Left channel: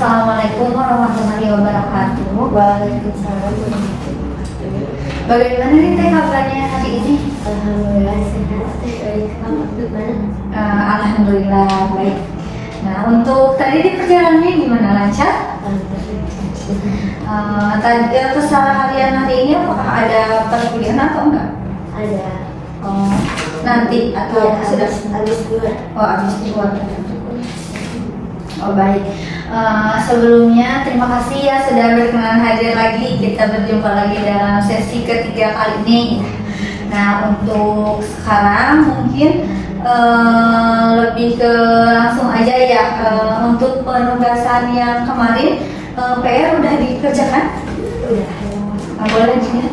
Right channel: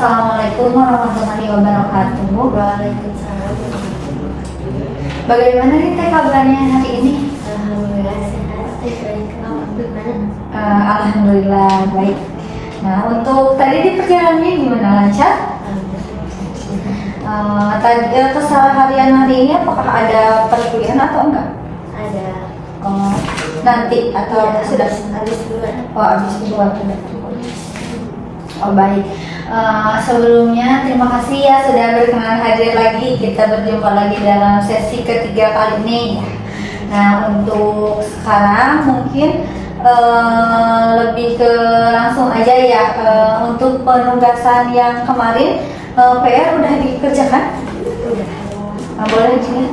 Assalamualaikum warahmatullahi wabarakatuh. Waalaikumsalam. Bagaimana nih teh kabarnya hari ini? Alhamdulillah sehat. Kamu gimana? Alhamdulillah baik. Nah, untuk tadi di perjalanannya gimana, lancar? Tadi keseharian hari ini apakah ada perkuliahan atau enggak? Ada. Nanti atau Ya, sudah? habis dulu. Habis dua. Oh baik. Sebelumnya terima kasih ya sudah berkenan hadir lagi. Kita berjumpa lagi dalam sesi ketiga kali ini. Nah, untuk sekarang mungkin lebih ke langsung aja ya, untuk penugasan yang kemarin PR udah dikerjakan? Boleh juga.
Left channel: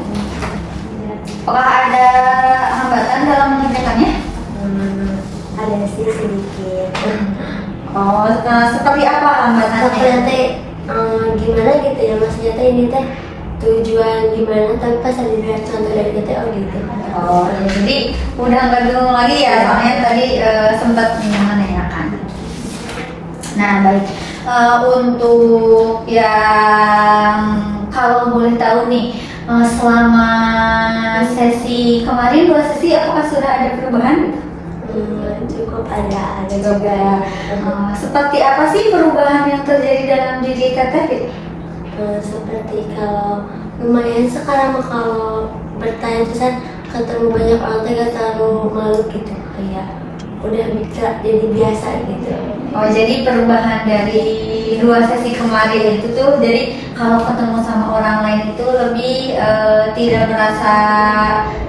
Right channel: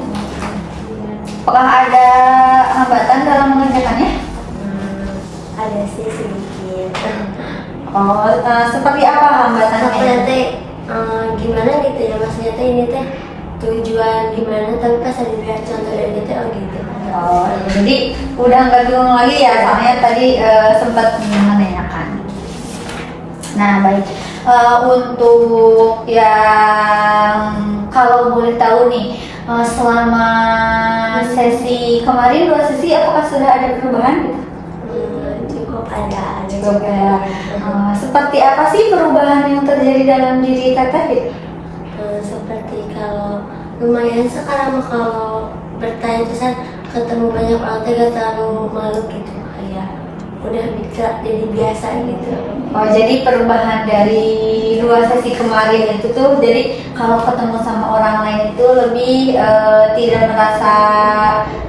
Apakah ada hambatan dalam mengerjakannya? Ada sih sedikit. Seperti apa hambatannya? Seperti gimana gitu ya, maksudnya teh ini teh tujuan gimana, tapi pas ada biar contoh dari kita gitu. Ya, jadi udah nggak bingung lagi ya, soalnya tadi sempat menanyakan. Nah baik, untuk yang kalau boleh tahu nih, selama sesi kemarin 2 sesi apakah sudah ada perubahan? Cukup ada Juga ya. Seperti apa sih perubahan yang terjadi dalam diri Teteh? Seperti kalau lumayan sekarang kalau bertanya itu saya ketemu banyak orang teh gak terlalu malu gitu, kayak udah bisa jadi biasa gitu. Jadi perubahan dari 2 sesi kemarin itu tuh, jadi kalau ketemu sama orang lain itu lebih tidak merasa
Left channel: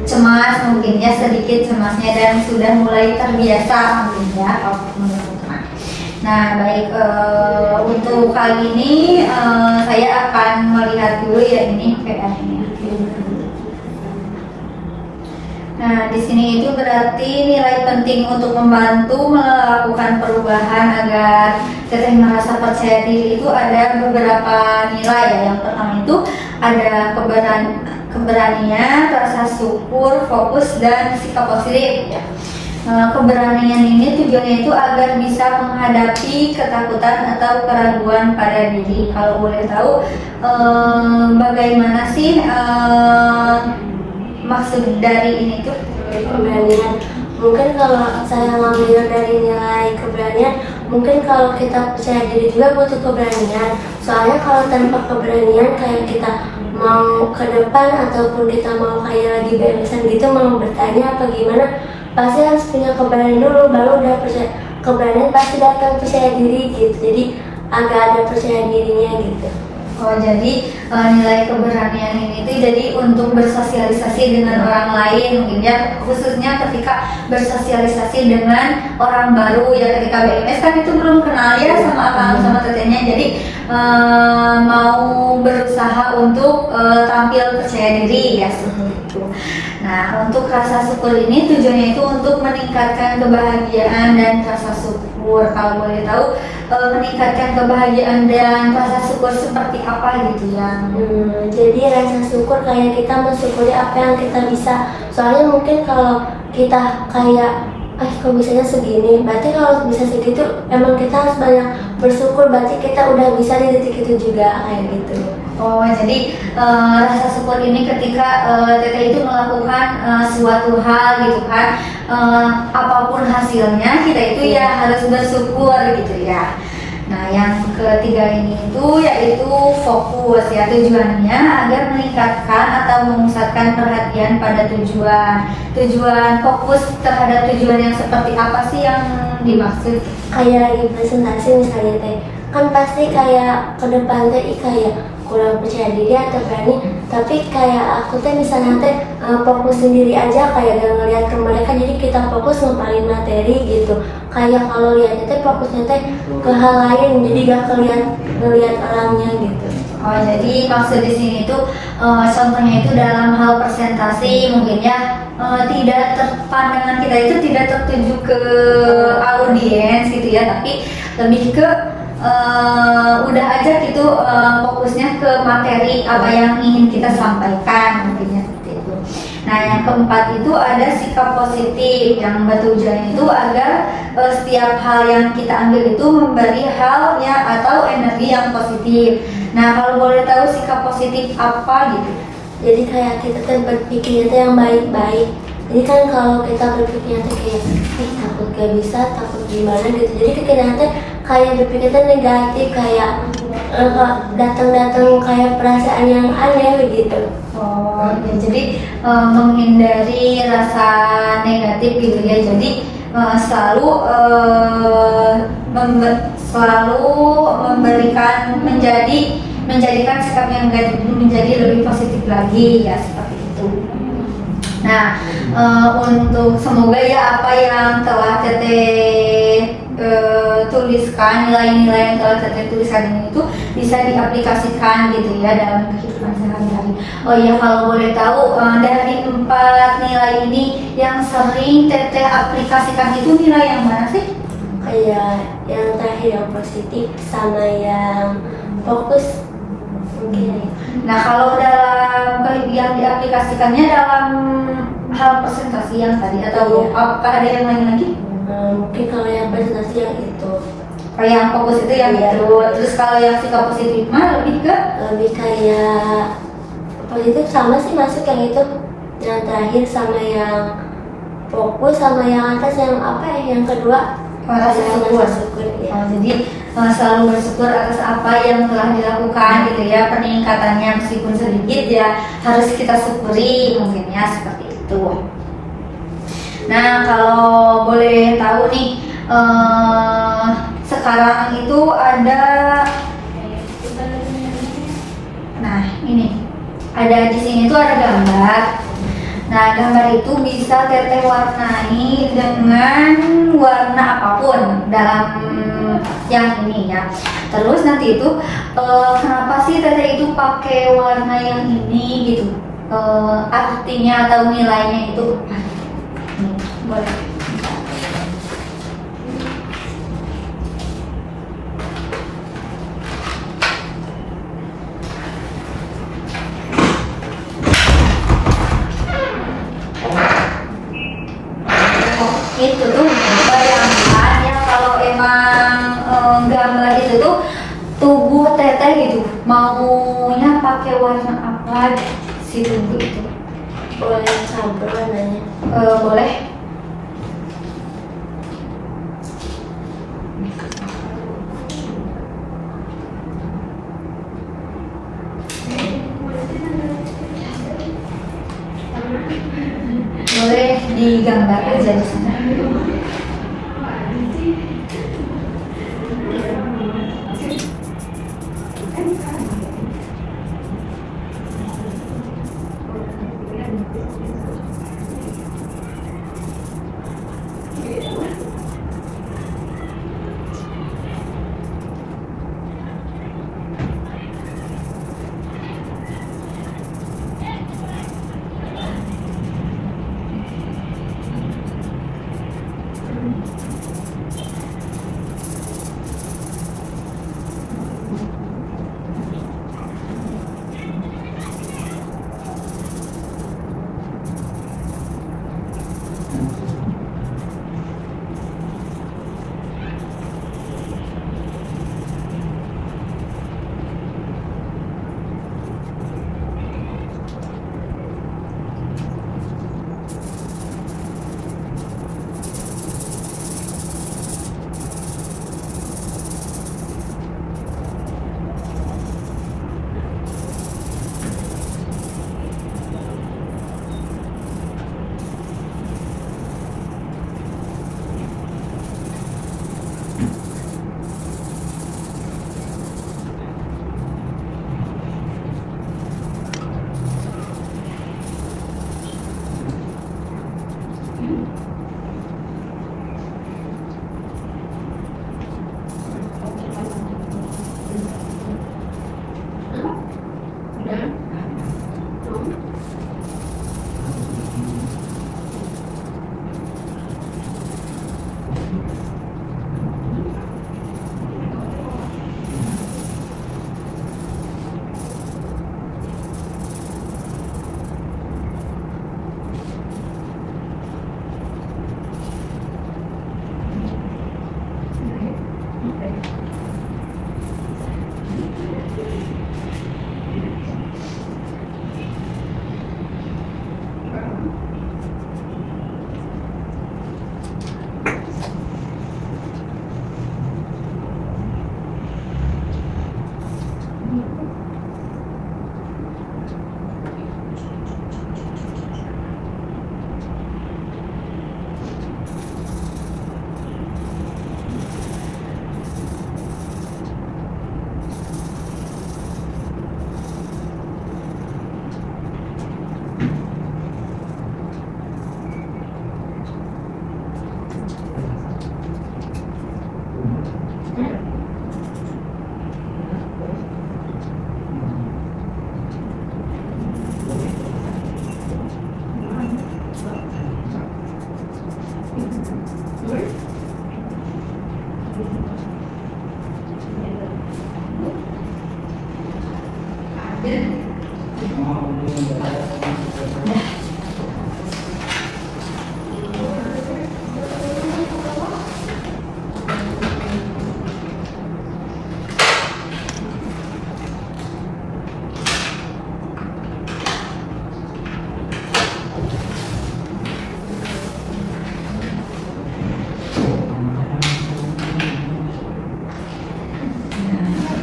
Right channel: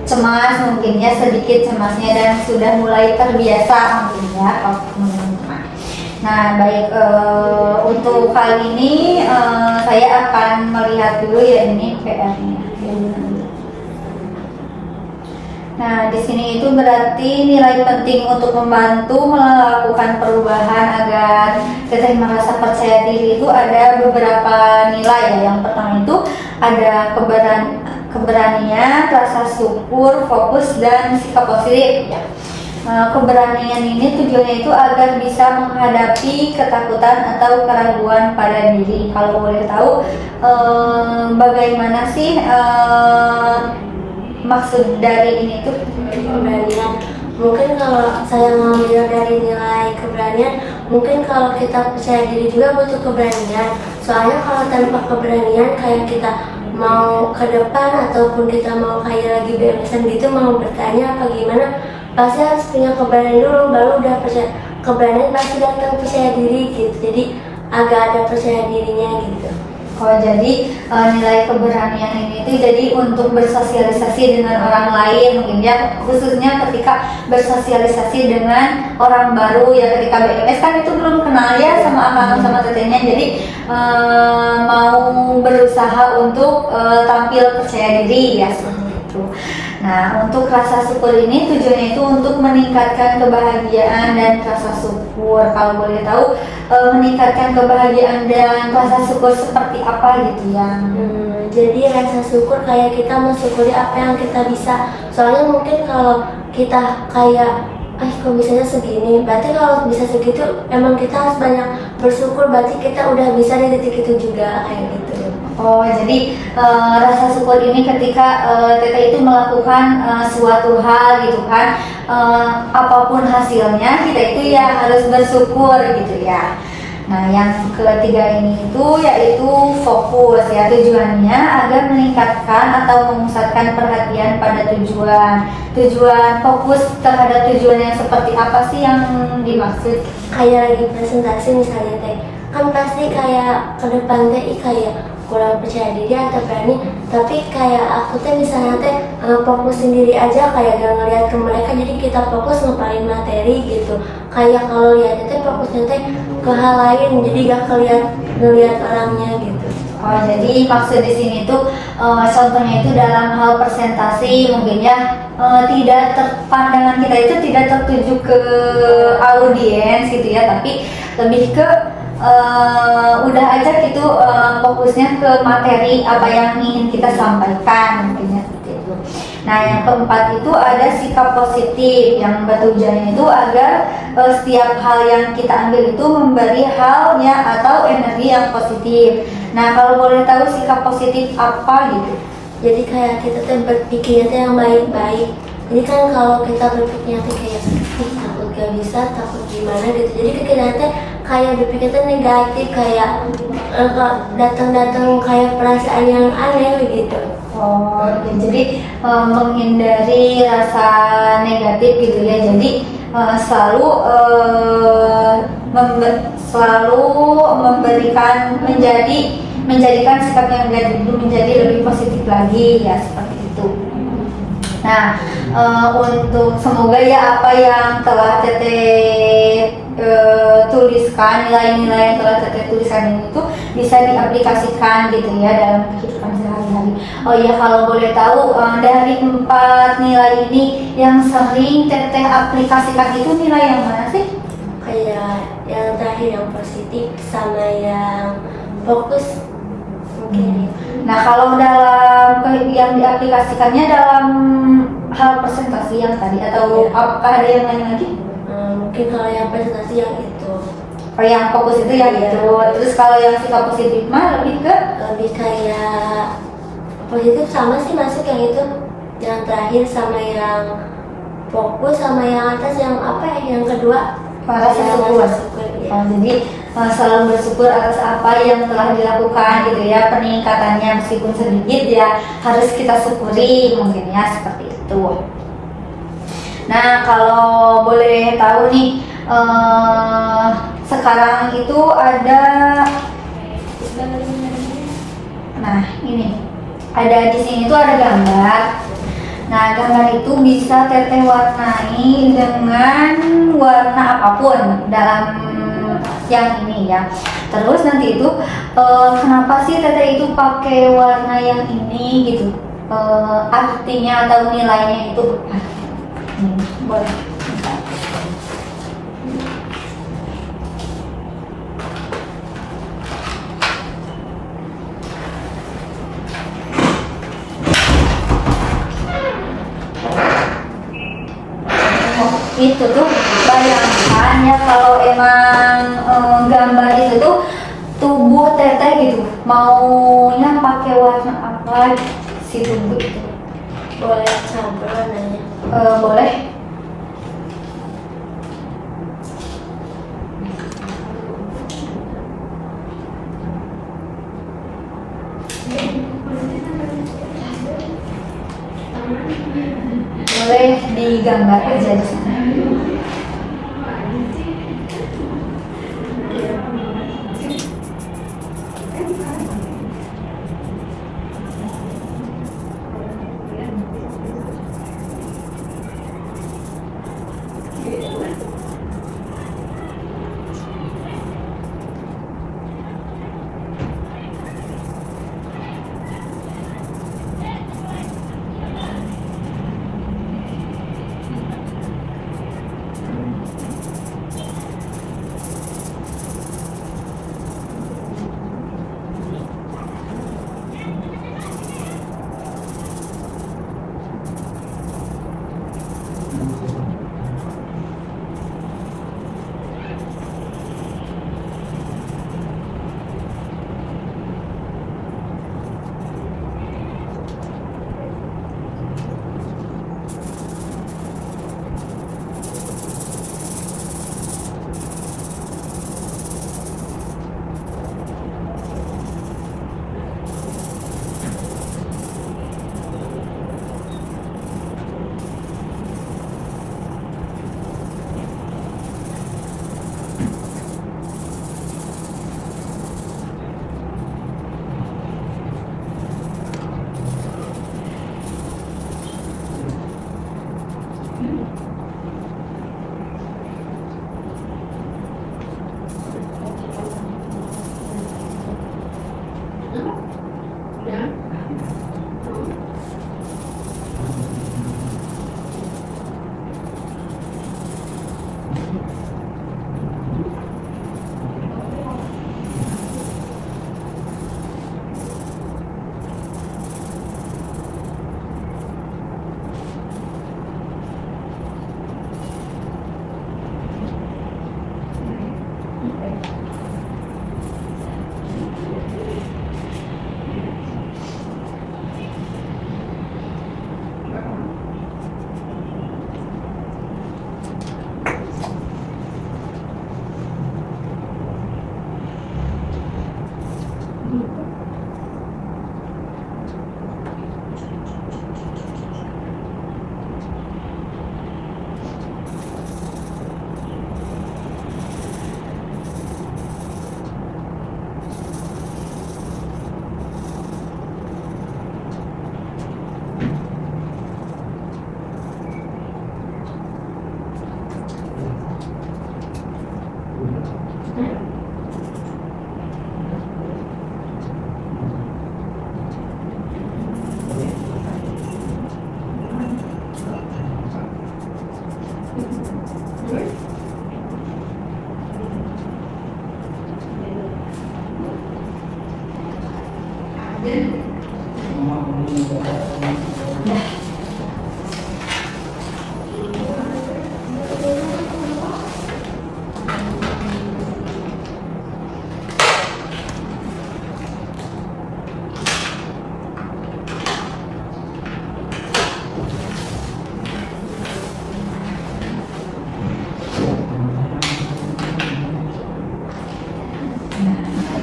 cemas, mungkin ya sedikit cemasnya, dan sudah mulai terbiasa mungkin ya kalau ketemu teman. Nah baik, untuk kali ini saya akan melihat dulu ya ini PR-nya. Nah, di sini itu berarti nilai penting untuk membantu melakukan perubahan agar Teteh merasa percaya diri itu ada beberapa nilai ya. Yang pertama itu ada keberanian, rasa syukur, fokus, dan sikap positif ya. Keberanian ini tujuannya itu agar bisa menghadapi ketakutan atau keraguan pada diri. Kalau boleh tahu, bagaimana sih maksud dari ini tuh? Keberanian, mungkin kalau saya ngambil dari nilai keberanian, mungkin kalau kita percaya diri juga butuh keberanian. Soalnya kalau tanpa keberanian, kayak kita mau ke depan ataupun kita mau kayak lagi bebasan gitu, mau bertanya apa gimana, pasti harus punya keberanian dulu, baru udah percaya. Keberanian pasti datang percaya diri gitu, jadi agak ada percaya dirinya gitu. Jadi nilai keberanian ini tuh jadi untuk bersosialisasi dengan orang lain, mungkin ya, khususnya ketika bersosialisasi dengan orang baru ya, ketika BMS kan itu belum kenal ya sama abang sama tetehnya, jadi mau berusaha untuk tampil percaya diri ya seperti itu. Nah, untuk rasa syukur ini tujuannya itu untuk meningkatkan kebahagiaan dan rasa syukur. Kalau boleh tahu, meningkatkan kebahagiaan dan rasa syukur seperti apa gitu yang jadi rasa syukur kayak kita mensyukuri apa yang kita bisa. Soalnya mungkin kalau kita kayak kok bisanya segini, berarti kalau bisa segitu emang kita harus banyak bersyukur, berarti kita udah bisa di titik itu juga kayak gitu. Jadi rasa syukur ini ketika Teteh itu melakukan suatu hal gitu kan, apapun hasilnya kita itu ya harus bersyukur gitu ya. Nah, yang ketiga ini itu yaitu fokus ya, tujuannya agar meningkatkan atau memusatkan perhatian pada tujuan. Tujuan fokus terhadap tujuan yang seperti apa sih yang dimaksud? Kayak lagi presentasi misalnya teh, kan pasti kayak ke depan teh kayak kurang percaya diri atau berani, tapi kayak aku teh misalnya teh fokus sendiri aja, kayak gak ngeliat ke mereka, jadi kita fokus ngepalin materi gitu. Kayak kalau lihat teh fokusnya teh ke hal lain, jadi gak ngeliat orangnya gitu. Jadi maksud di sini tuh contohnya itu dalam hal presentasi mungkin ya, pandangan kita itu tidak tertuju ke audiens gitu ya, tapi lebih ke udah aja gitu, fokusnya ke materi apa yang ingin kita sampaikan mungkin ya, seperti itu. Nah, yang keempat itu ada sikap positif. Yang batu ujarnya itu agar setiap hal yang kita ambil itu memberi hal yang atau energi yang positif. Nah, kalau boleh tahu sikap positif apa gitu? Jadi kayak kita tuh berpikirnya tuh yang baik-baik. Jadi kan kalau kita berpikirnya tuh kayak takut gak bisa, takut gimana gitu. Jadi kita tuh kayak berpikir tuh negatif, kayak datang-datang kayak perasaan yang aneh begitu. Oh, ya, jadi menghindari rasa negatif gitu ya. Jadi selalu selalu menjadikan sikap yang negatif itu menjadi lebih positif lagi ya, seperti itu. Nah, untuk semoga ya apa yang telah Teteh tuliskan, nilai-nilai yang telah Teteh tuliskan itu bisa diaplikasikan gitu ya dalam kehidupan sehari-hari. Oh ya, kalau boleh tahu dari 4 nilai ini yang sering Teteh aplikasikan itu nilai yang mana sih? Kayak yang terakhir yang positif sama yang fokus mungkin. Nah, kalau dalam yang diaplikasikannya dalam hal presentasi yang tadi atau Iya. apakah ada yang lain lagi? Mungkin kalau yang presentasi yang itu Oh, yang fokus itu yang Iya. itu. Terus kalau yang sikap positif mah lebih ke lebih kayak positif sama sih masuk yang itu, yang terakhir sama yang fokus sama yang atas yang apa ya, yang kedua rasa syukur. ya. Oh, jadi selalu bersyukur atas apa yang telah dilakukan gitu ya, peningkatannya meskipun sedikit ya harus kita syukuri mungkin ya, seperti itu. Nah, kalau boleh tahu nih, sekarang itu ada, nah ini ada di sini tuh ada gambar. Nah, gambar itu bisa Teteh warnai dengan warna apapun dalam yang ini ya. Terus nanti itu kenapa sih Teteh itu pakai warna yang ini gitu? Artinya atau nilainya itu boleh. Itu tuh bayangkan ya, kalau emang gambar itu tuh tubuh Teteh gitu maunya pakai warna apa gitu, si tubuh itu. Boleh campur warnanya. Boleh. Boleh digambar aja di sana.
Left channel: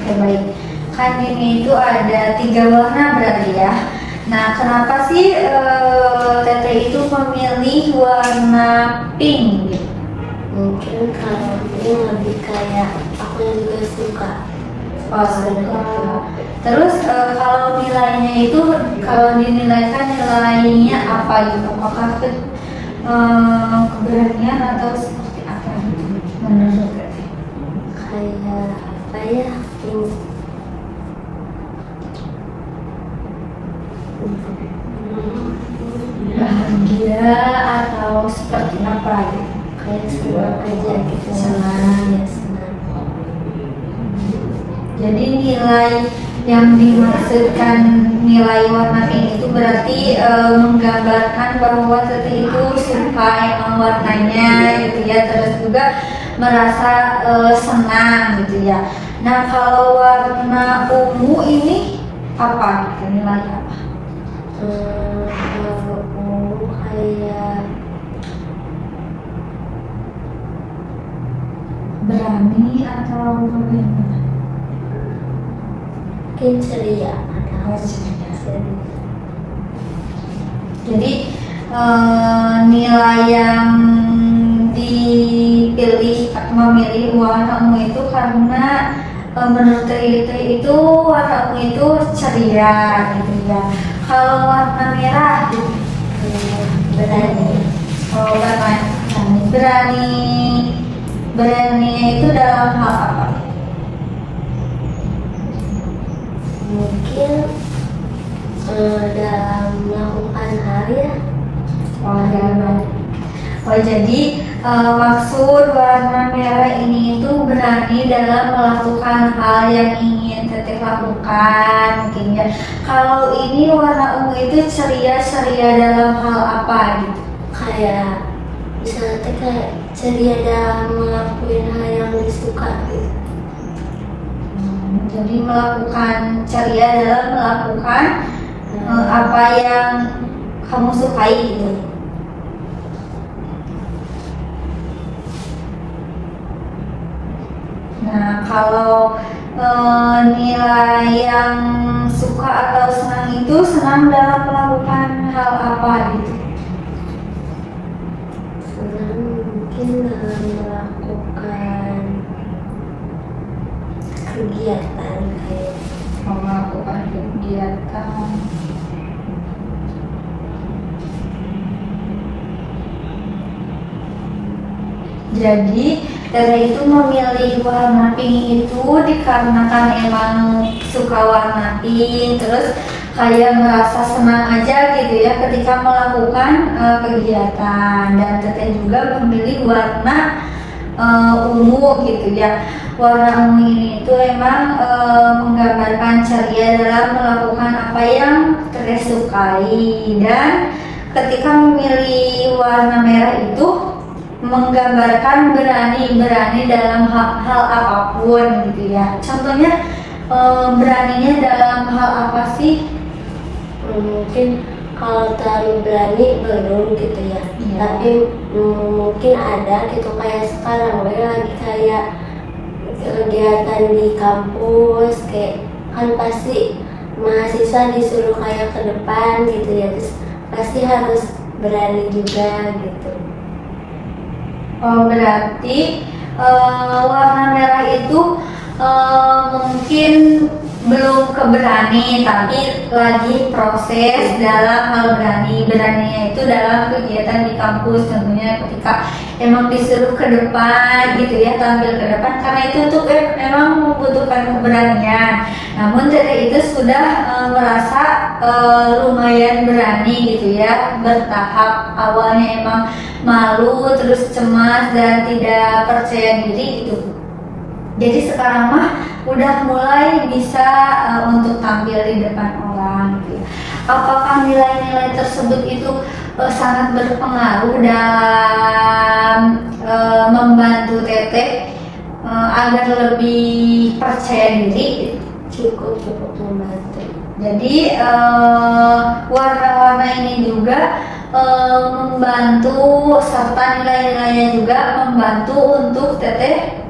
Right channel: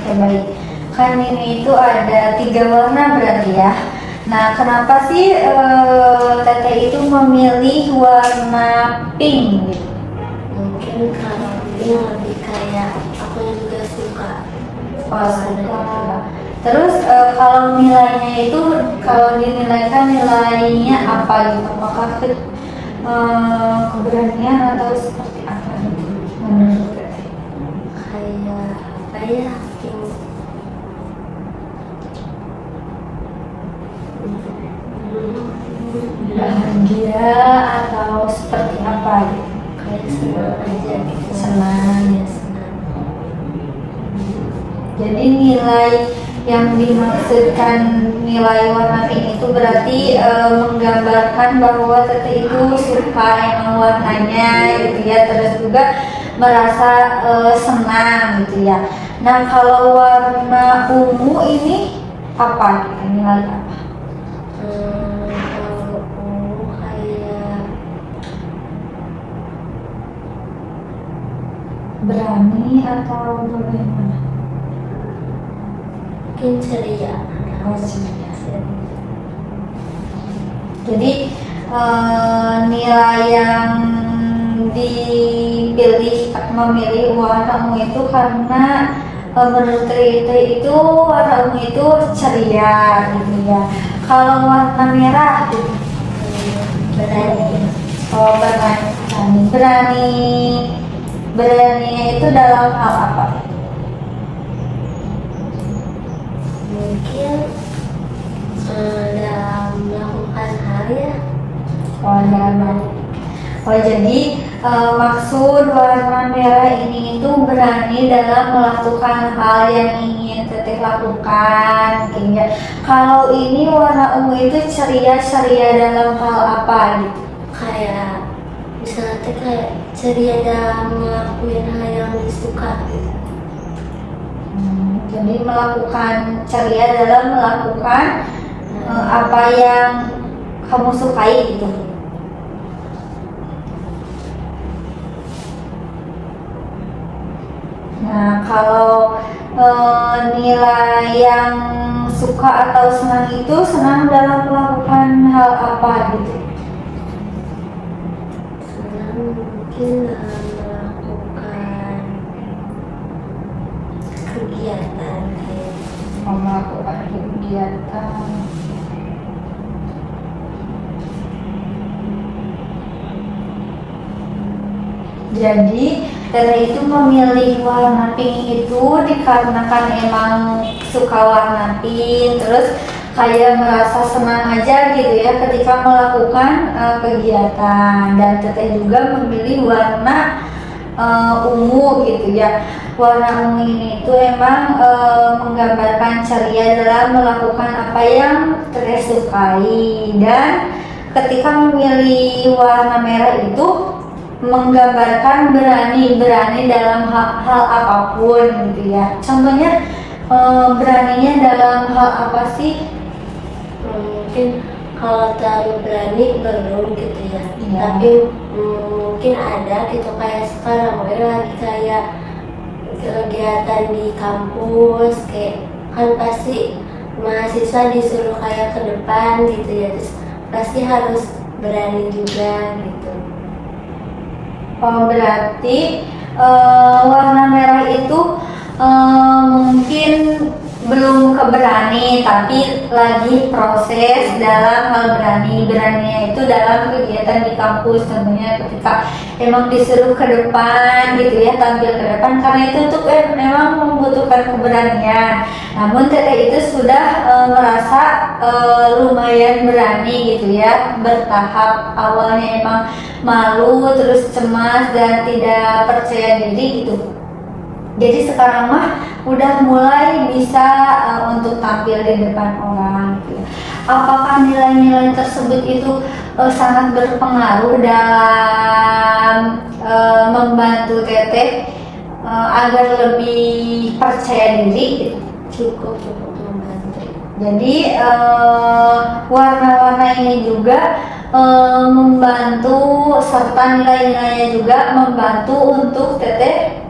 Oke, baik. Kan ini itu ada 3 warna berarti ya. Nah, kenapa sih Teteh itu memilih warna pink gitu? Mungkin kalau ini lebih kayak aku yang juga suka. Oh, suka. Terus kalau nilainya itu, kalau dinilaikan nilainya apa gitu? Apakah keberanian atau seperti apa gitu? Menurut Teteh? Kayak apa ya? Bahagia atau seperti apa gitu? Kayak senang aja gitu. Senang. Ya, senang. Jadi nilai yang dimaksudkan nilai warna pink itu berarti menggambarkan bahwa Teteh itu suka emang warnanya gitu ya, terus juga merasa senang gitu ya. Nah, kalau warna ungu ini apa gitu, nilai apa? Kalau ungu kayak Berani atau bagaimana? mungkin ceria. Oh, ceria. Jadi nilai yang dipilih memilih warna ungu itu karena menurut Tri itu warna ungu itu ceria gitu ya. Kalau warna merah gitu, Berani. oh berani itu dalam hal apa? Mungkin dalam melakukan hal ya. Oh, jadi maksud warna merah ini itu berani dalam melakukan hal yang ingin Teteh lakukan mungkin ya. Kalau ini warna ungu itu ceria dalam hal apa gitu? Kayak misalnya tuh kayak ceria dalam ngelakuin hal yang disuka gitu. Jadi melakukan ceria dalam melakukan apa yang kamu sukai gitu. Nah, kalau nilai yang suka atau senang itu senang dalam melakukan hal apa gitu? Senang mungkin dalam melakukan kegiatan kayak Melakukan kegiatan. Jadi Teteh itu memilih warna pink itu dikarenakan emang suka warna pink, terus kayak merasa senang aja gitu ya ketika melakukan kegiatan. Dan Teteh juga memilih warna ungu gitu ya. Warna ungu ini itu emang menggambarkan ceria dalam melakukan apa yang Teteh sukai. Dan ketika memilih warna merah itu menggambarkan berani dalam hal apapun gitu ya. Contohnya beraninya dalam hal apa sih? mungkin kalau terlalu berani belum gitu ya. Iya. Tapi mungkin ada gitu kayak sekarang gue lagi kayak kegiatan di kampus kayak kan pasti mahasiswa disuruh kayak ke depan gitu ya, terus pasti harus berani juga gitu. Oh, berarti warna merah itu mungkin belum keberani, tapi lagi proses dalam hal beraninya itu dalam kegiatan di kampus. Contohnya ketika emang disuruh ke depan gitu ya, tampil ke depan, karena itu tuh memang membutuhkan keberanian. Namun Teteh itu sudah merasa lumayan berani gitu ya, bertahap. Awalnya emang malu, terus cemas dan tidak percaya diri gitu. Jadi sekarang mah udah mulai bisa untuk tampil di depan orang gitu ya. Apakah nilai-nilai tersebut itu sangat berpengaruh dalam membantu Teteh agar lebih percaya diri gitu? Cukup membantu. Jadi warna-warna ini juga membantu serta nilai-nilainya juga membantu untuk Teteh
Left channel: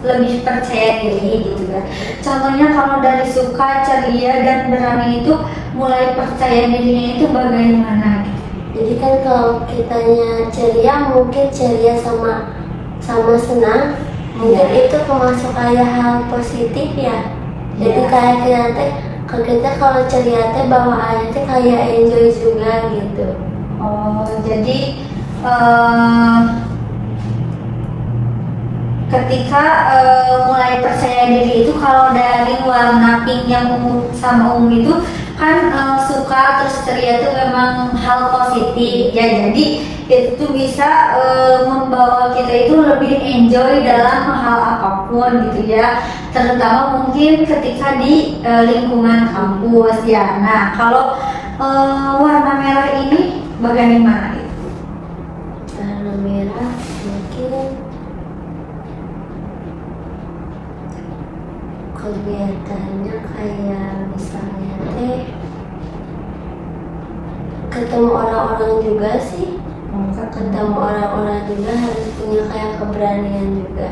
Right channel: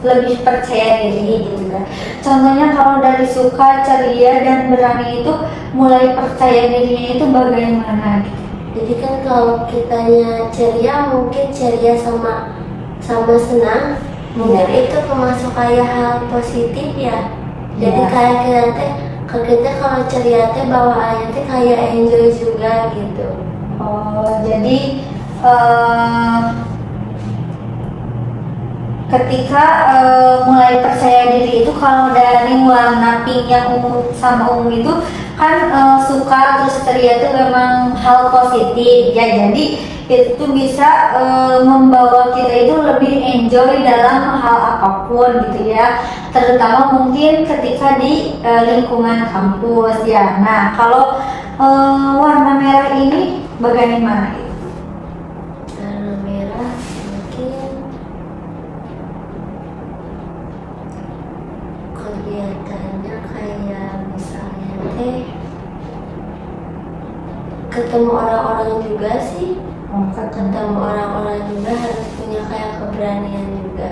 lebih percaya diri gitu kan. Contohnya kalau dari suka, ceria dan berani itu mulai percaya dirinya itu bagaimana gitu. Jadi kan kalau kitanya ceria, mungkin ceria sama senang, mungkin itu termasuk kayak hal positif ya. Jadi Iya. kayak kita kalau ceria teh bawaannya teh kayak enjoy juga gitu. Jadi ketika mulai percaya diri itu kalau dari warna pink yang ungu sama ungu itu kan suka terus ceria itu memang hal positif ya, jadi itu bisa membawa kita itu lebih enjoy dalam hal apapun gitu ya, terutama mungkin ketika di lingkungan kampus ya. Nah kalau warna merah ini bagaimana itu? Warna merah mungkin kegiatannya kayak misalnya teh ketemu orang-orang juga sih. Ketemu orang-orang juga harus punya kayak keberanian juga.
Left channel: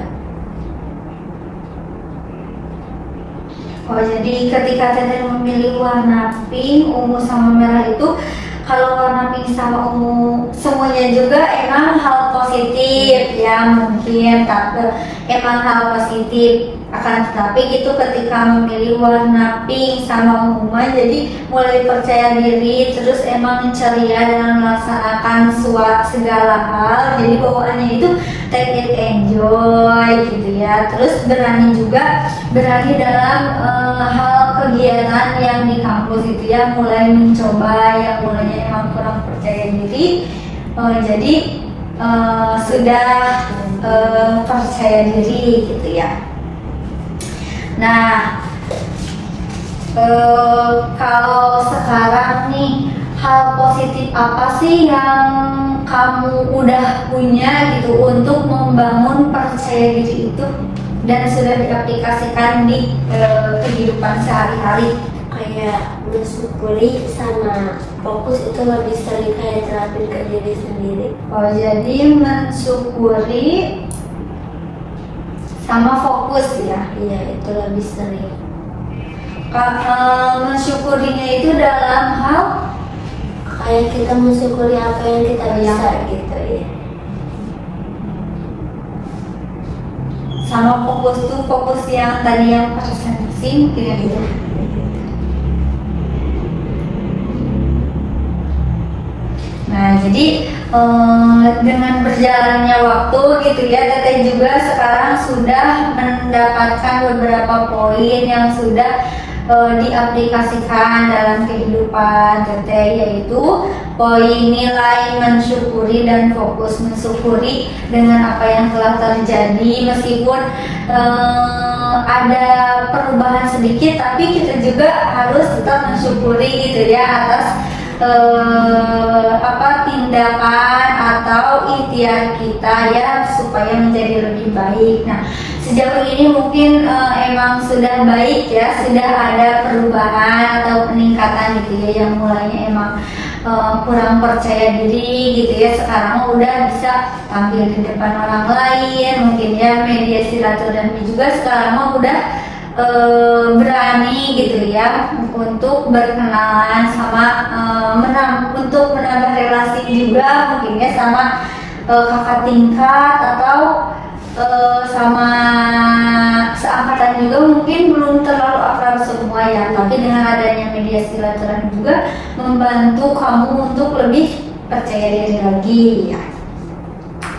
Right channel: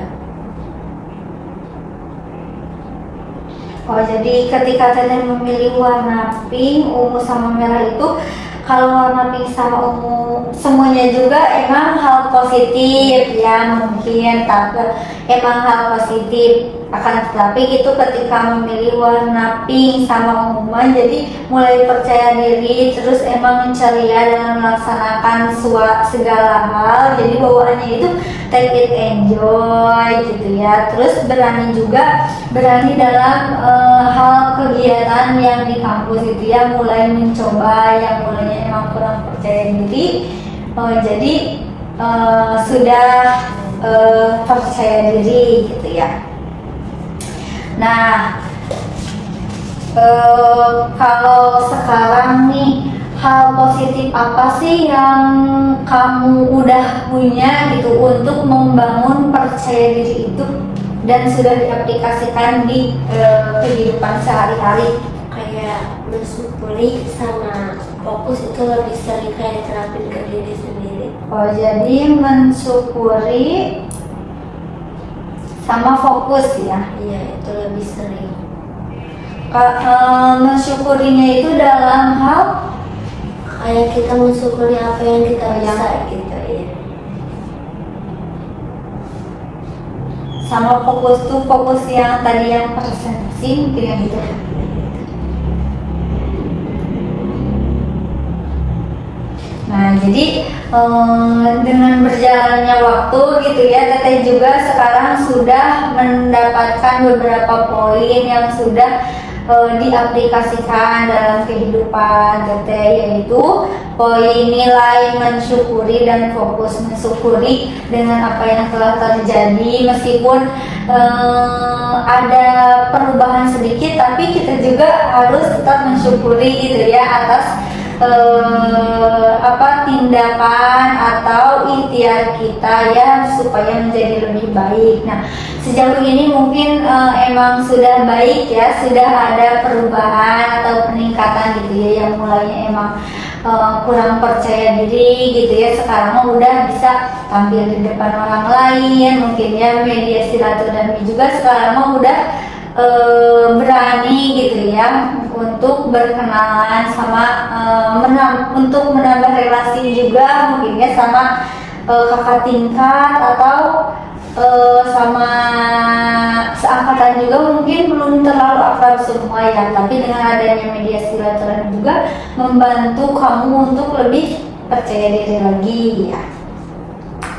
Jadi ketika Teteh memilih warna pink, ungu sama merah itu, kalau warna pink sama ungu semuanya juga emang hal positif ya, mungkin tapi emang hal positif. Akan tetapi itu ketika memilih warna pink sama ungu jadi mulai percaya diri, terus emang ceria dalam melaksanakan segala hal, jadi bawaannya itu take it enjoy gitu ya. Terus berani juga, berani dalam hal kegiatan yang di kampus itu ya, mulai mencoba yang mulanya emang kurang percaya diri, jadi sudah percaya diri gitu ya. Nah, kalau sekarang nih, hal positif apa sih yang kamu udah punya gitu untuk membangun percaya diri itu dan sudah diaplikasikan di kehidupan sehari-hari? Kayak bersyukuri sama fokus itu lebih sering kayak terapin ke diri sendiri. Jadi mensyukuri sama fokus ya. Iya, itu lebih sering. Mensyukurinya itu dalam hal Kayak kita mensyukuri apa yang kita bisa gitu ya. sama fokus tuh, fokus yang tadi yang presentasi mungkin ya gitu. Nah, jadi dengan berjalannya waktu gitu ya, Teteh juga sekarang sudah mendapatkan beberapa poin yang sudah diaplikasikan dalam kehidupan Teteh, yaitu poin nilai mensyukuri dan fokus mensyukuri dengan apa yang telah terjadi, meskipun ada perubahan sedikit, tapi kita juga harus tetap mensyukuri gitu ya atas tindakan atau ikhtiar kita ya supaya menjadi lebih baik. Nah, sejauh ini mungkin emang sudah baik ya, sudah ada perubahan atau peningkatan gitu ya, yang mulainya emang kurang percaya diri gitu ya, sekarang udah bisa tampil di depan orang lain, mungkin ya media silaturahmi juga sekarang mah udah berani gitu ya untuk berkenalan sama untuk menambah relasi juga mungkin ya sama kakak tingkat atau sama seangkatan juga, mungkin belum terlalu akrab semua ya, tapi dengan adanya media silaturahmi juga membantu kamu untuk lebih percaya diri lagi ya.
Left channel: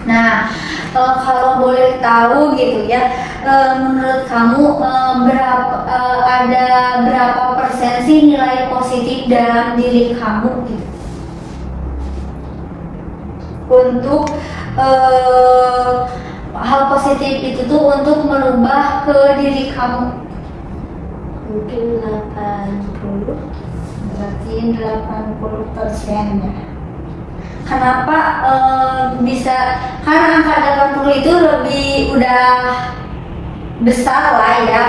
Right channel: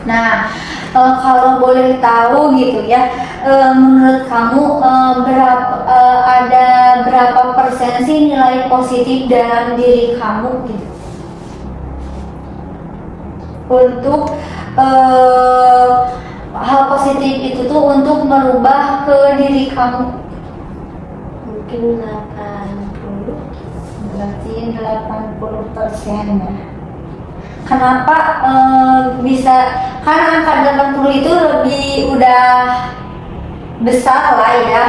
Nah, kalau boleh tahu gitu ya, menurut kamu ada berapa persen sih nilai positif dalam diri kamu gitu untuk hal positif itu tuh untuk merubah ke diri kamu? Mungkin 80. Berarti 80% ya. Kenapa bisa? Karena angka 80 itu lebih udah besar lah ya.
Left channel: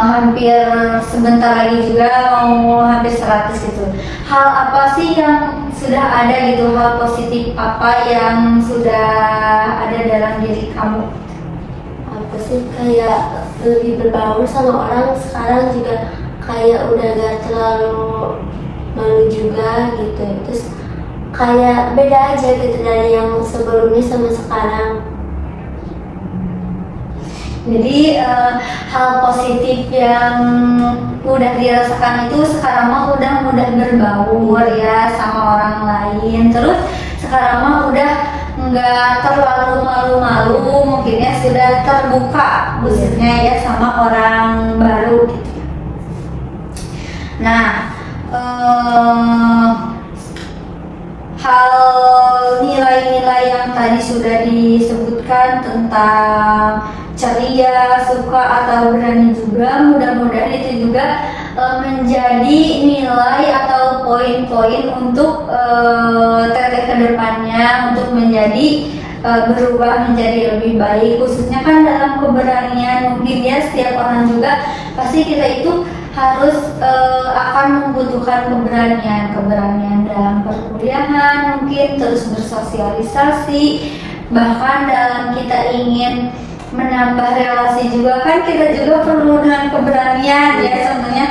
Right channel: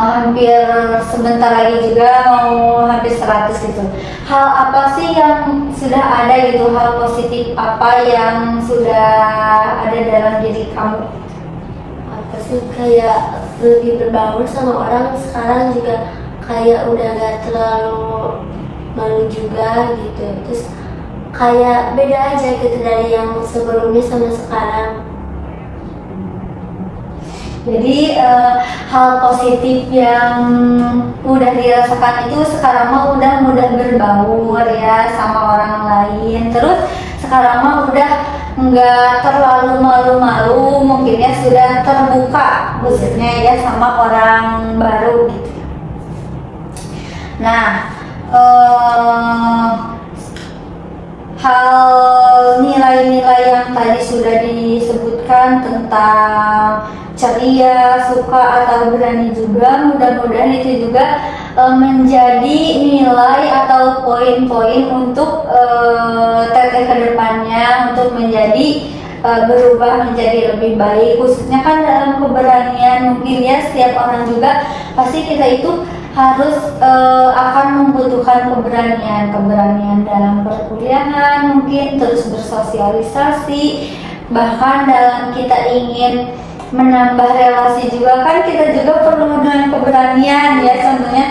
Hampir sebentar lagi juga mau hampir 100 gitu. Hal apa sih yang sudah ada gitu, hal positif apa yang sudah ada dalam diri kamu? Apa sih, kayak lebih berbaur sama orang sekarang juga, kayak udah gak terlalu malu juga gitu. Terus kayak beda aja gitu dari yang sebelumnya sama sekarang. Jadi hal positif yang udah dirasakan itu sekarang mah udah mudah berbaur ya sama orang lain. Terus sekarang mah udah nggak terlalu malu-malu, mungkin ya sudah terbuka khususnya ya sama orang baru gitu. Nah, hal nilai-nilai yang tadi sudah disebutkan tentang ceria, suka atau berani juga, mudah-mudahan itu juga menjadi nilai atau poin-poin untuk teteh ke depannya untuk menjadi berubah menjadi lebih baik, khususnya kan dalam keberanian. Mungkin ya setiap orang juga pasti kita itu harus akan membutuhkan keberanian dalam perkuliahan, mungkin terus bersosialisasi, bahkan dalam kita ingin menambah relasi juga kan kita juga perlu dengan keberanian ya. Contohnya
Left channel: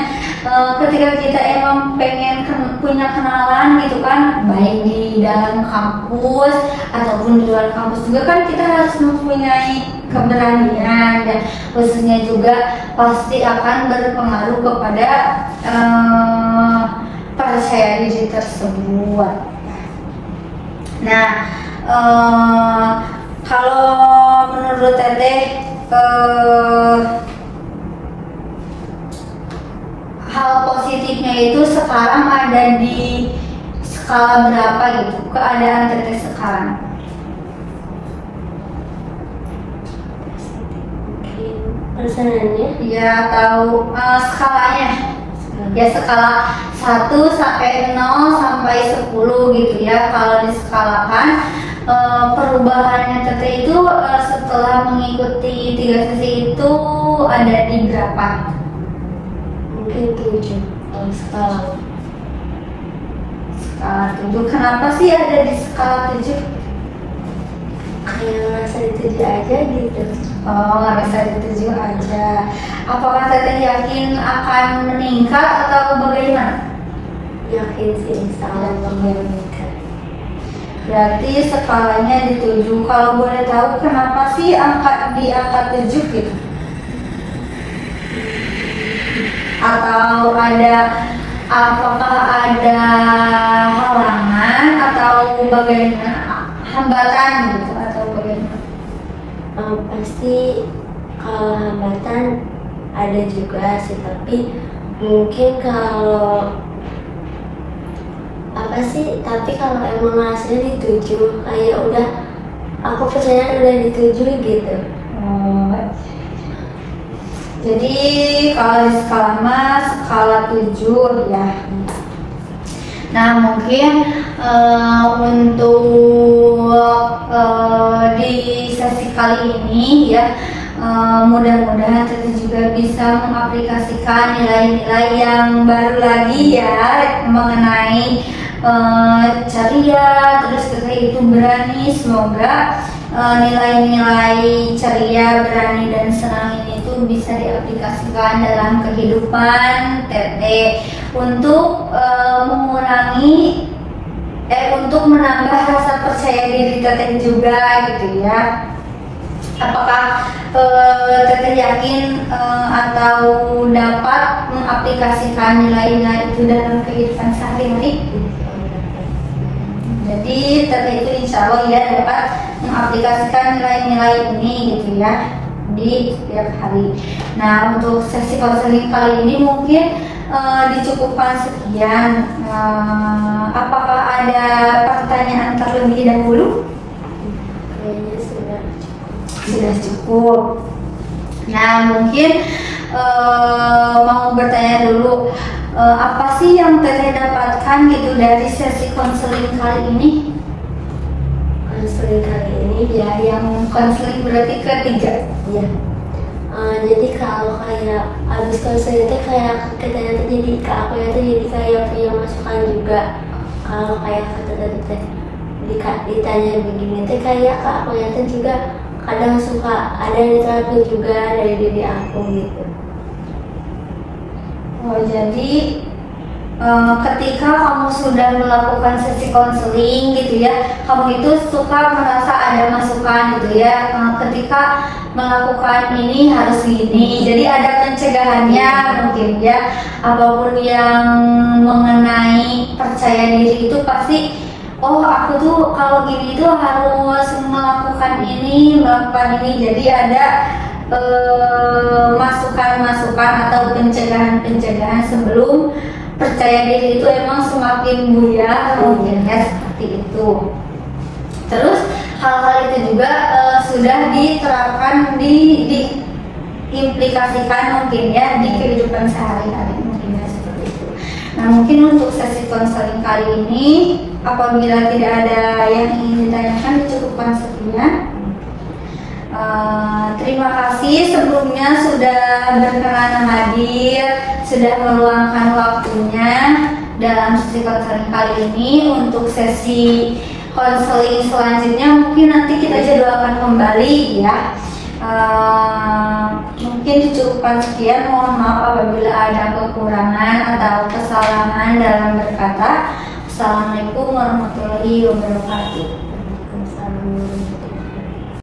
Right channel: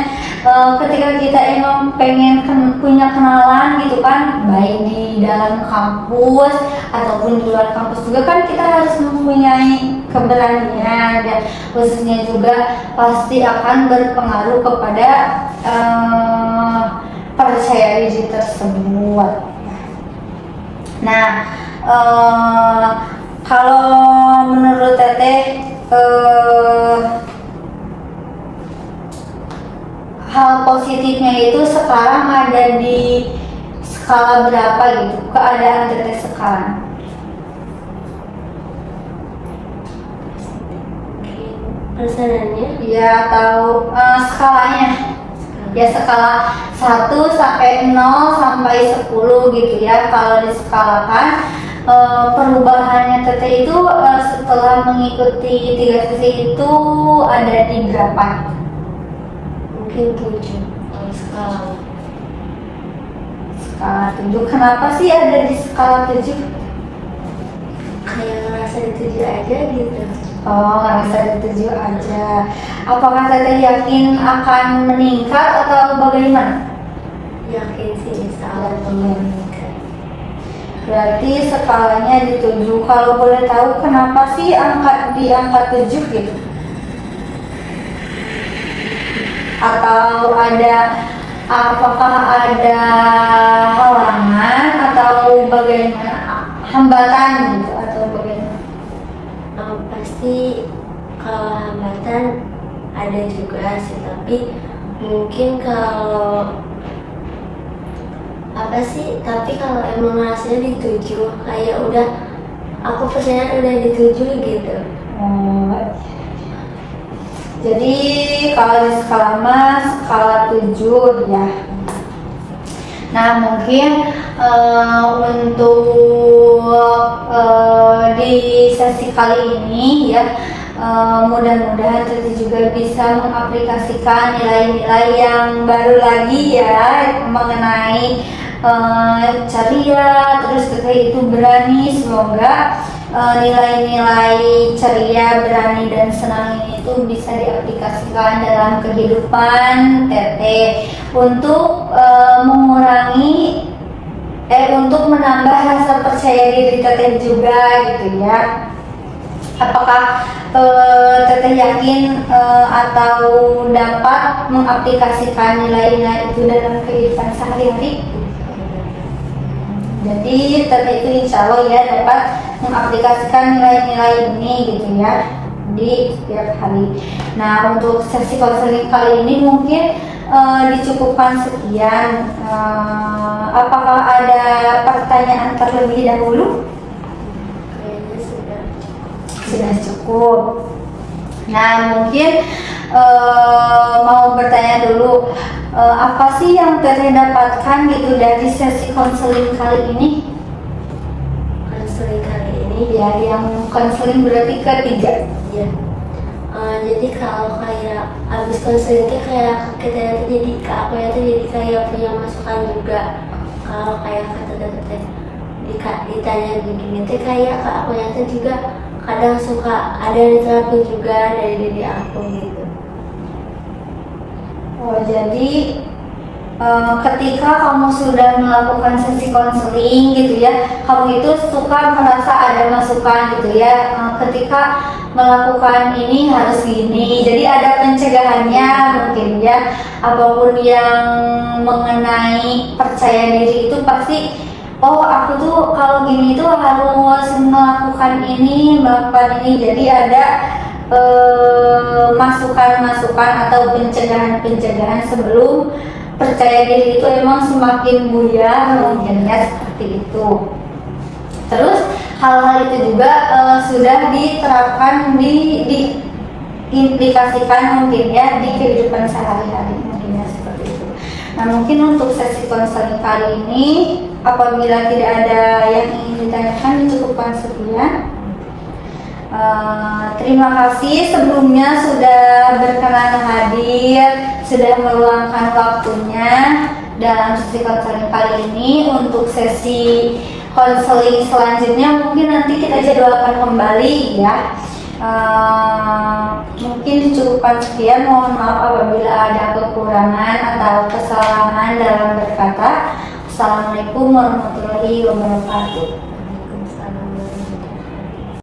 ketika kita emang pengen punya kenalan gitu kan, baik di dalam kampus ataupun di luar kampus juga kan kita harus mempunyai keberanian ya. Khususnya juga pasti akan berpengaruh kepada percaya diri tersebut. Nah, kalau menurut Teteh hal positifnya itu sekarang ada di skala berapa gitu, keadaan Teteh sekarang? Mungkin persennya Ya, atau skalanya? Ya, skala 1 sampai 0 sampai 10 gitu ya. Kalau diskalakan perubahannya Teteh itu setelah mengikuti 3 sesi itu ada di berapa? mungkin 7 skala. Skala 7. Kenapa sih ada di skala 7? Kayak merasa dituju aja gitu. Oh, ngerasa dituju aja. Apakah Teteh yakin akan meningkat atau bagaimana? Yakin sih insya Allah meningkat. Berarti skalanya di 7. Kalau boleh tahu kenapa sih di angka 7 gitu? Atau apakah ada halangan atau bagaimana, hambatan gitu atau bagaimana? Pasti kalau hambatan ada juga sih, tapi mungkin kalau apa sih, tapi kalau emang hasilnya dituju, kayak udah aku percaya udah dituju gitu. Oh, jadi kalau di skala mas skala 7 ya. Nah, mungkin untuk di sesi kali ini ya, mudah-mudahan kita juga bisa mengaplikasikan nilai-nilai yang baru lagi ya mengenai ceria, terus Teteh itu berani. Semoga nilai-nilai ceria, berani, dan senang itu bisa diaplikasikan dalam kehidupan Teteh untuk mengurangi untuk menambah rasa percaya diri Teteh juga gitu ya. Apakah Teteh yakin atau dapat mengaplikasikan nilai-nilai itu dalam kehidupan sehari-hari? Jadi Teteh itu insya Allah ya dapat mengaplikasikan nilai-nilai ini gitu ya di setiap hari. Nah, untuk sesi konseling kali ini mungkin dicukupkan sekian. Apakah ada pertanyaan terlebih dahulu? Kayaknya sudah. sudah cukup. Nah, mungkin mau bertanya dulu, apa sih yang Teteh dapatkan gitu dari sesi konseling kali ini? Konseling kali ini Ya, yang konseling berarti ketiga. ya. Jadi kalau kayak abis konseling itu kayak kita jadi ke aku ya itu jadi kayak punya masukan juga. Kalau kayak kata teteh ditanya begini tuh kayak ke aku ya itu juga kadang suka ada yang terapin juga dari diri aku gitu. Oh, jadi ketika kamu sudah melakukan sesi konseling gitu ya, kamu itu suka merasa ada masukan gitu ya, ketika melakukan ini harus gini, jadi ada pencegahannya mungkin ya. Apapun yang mengenai percaya diri itu pasti, oh aku tuh kalau gini tuh harus melakukan ini, jadi ada masukan-masukan atau pencegahan-pencegahan sebelum percaya diri itu emang semakin buyar mungkin ya, seperti itu. Terus hal-hal itu juga sudah diterapkan, diimplikasikan mungkin ya di kehidupan sehari-hari mungkin ya, seperti itu. Nah, mungkin untuk sesi konseling kali ini apabila tidak ada yang ingin ditanyakan dicukupkan sekian. Terima kasih sebelumnya sudah berkenan hadir, sudah meluangkan waktunya dalam sesi konseling kali ini. Untuk sesi konseling selanjutnya mungkin nanti kita jadwalkan kembali ya. Mungkin dicukupkan sekian, mohon maaf apabila ada kekurangan atau kesalahan dalam berkata. Assalamualaikum warahmatullahi wabarakatuh.